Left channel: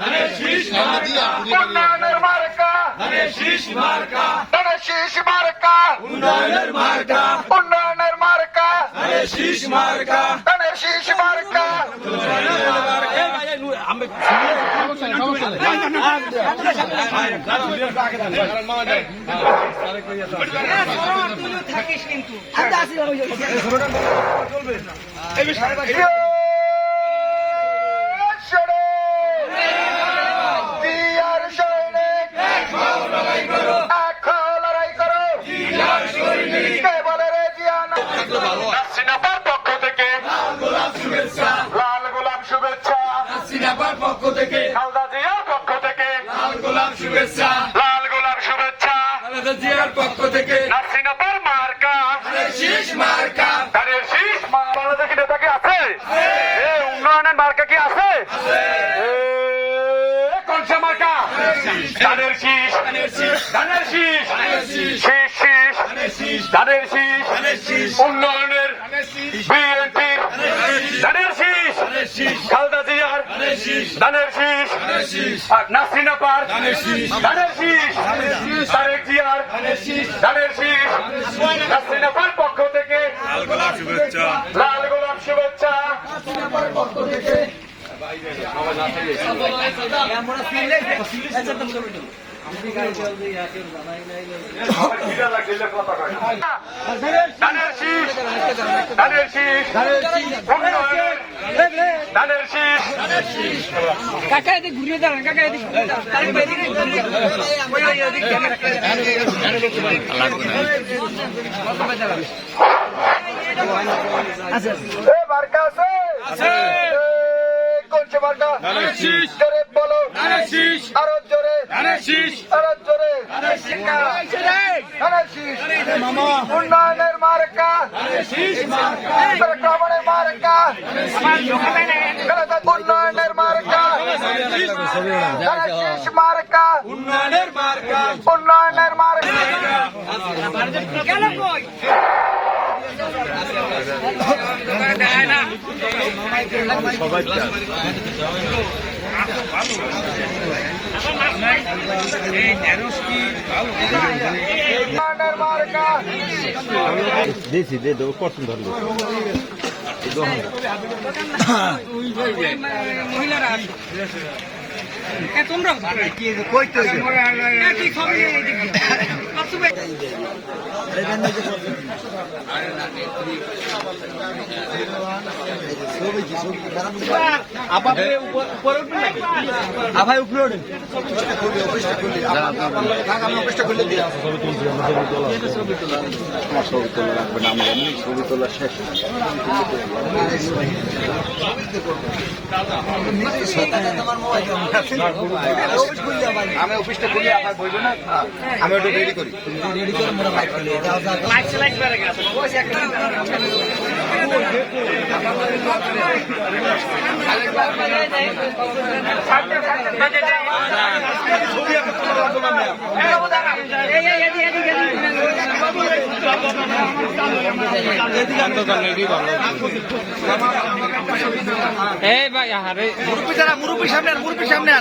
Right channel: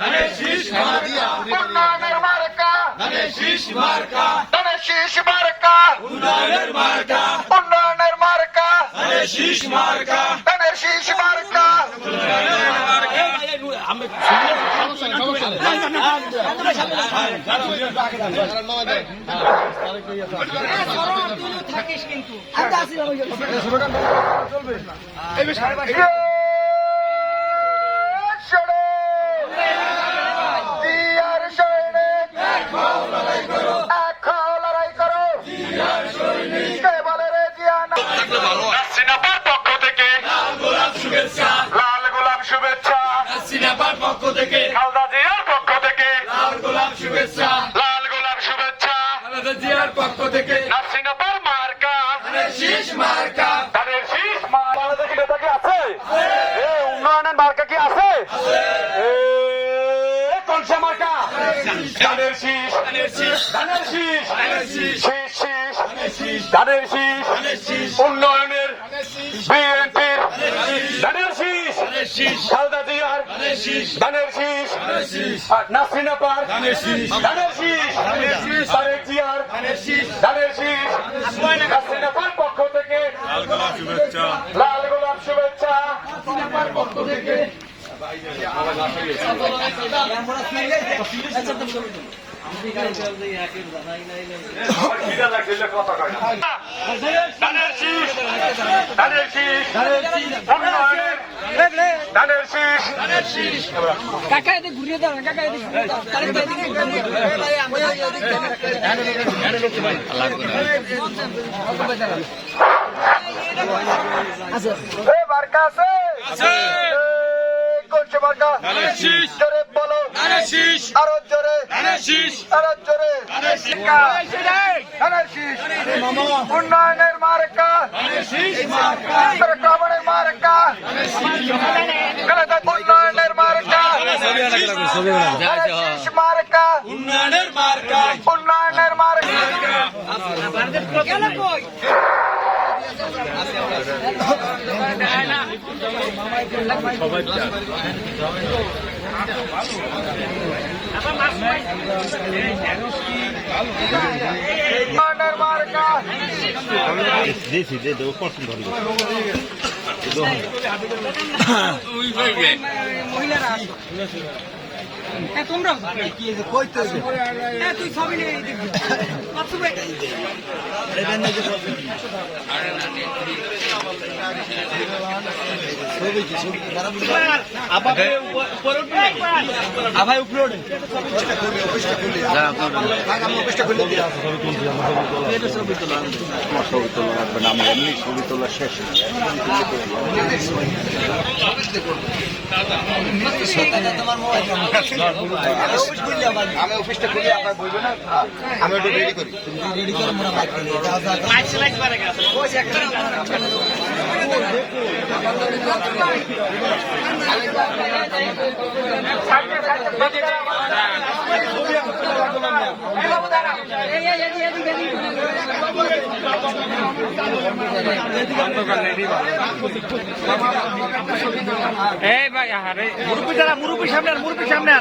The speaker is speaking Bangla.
ধানের শীষ মার্কা উন্নয়নের মার্কা ধানের শীষ মার্কা ধানের শীষ মার্কা উন্নয়নের মার্কা উন্নয়নের মার্কা ধানের শীষ মার্কা সিনেমার পক্ষ থেকে। খালদা জিয়ার পক্ষ থেকে। লাল গোলাপ শুভেচ্ছা। লাল গোলাপ শুভেচ্ছা। খালেদা জিয়ার পক্ষ থেকে। নাসিনাপার মার্কা। শীষ মার্কা। ধানের শীষ বাংলাদেশি নেতা কি আছে এ উন্নয়নের মার্কা কি আছে? কোনসা মার্কা? ধানের শীষ। ধানের শীষ। শীষ। শীষ ধানের শীষ। উন্নয়নের বিএনপির ধানের শীষ। খালদা জিয়ার ধানের শীষ নাসরিনা পার ধানের শীষ তারেক জিয়ার ধানের শীষ নাসরিনা পার পক্ষ থেকে লাল গোলাপ শুভেচ্ছা ধানের শীষ। ধানের ধানের কাকা এদিকে ঘুরিয়ে দাঁড়ান কাকা এদিকে আছে আরও জোরে শীষ উন্নয়নের মার্কা রহমানের মার্কা উন্নয়নের মার্কা মার্কা উন্নয়নের মার্কা উন্নয়নের মার্কা কই? দিয়েছি দিয়ে দেবো পছন্দ মহিলারা তোমরাও ছবি নিয়ে এদিকে। মাকসুদ ভাই। আমার ছবি তোলা লাগবে না আমরা এমনি ছবি তোলা শেষ আমি অফিসটা খুলি আমার বলব না? আমি ওটা রেডি করি। এই, এই, এদিকে, এদিকে, এদিকে। এই ভাই আরে মুরব্বী সামনে মুরব্বী সামনে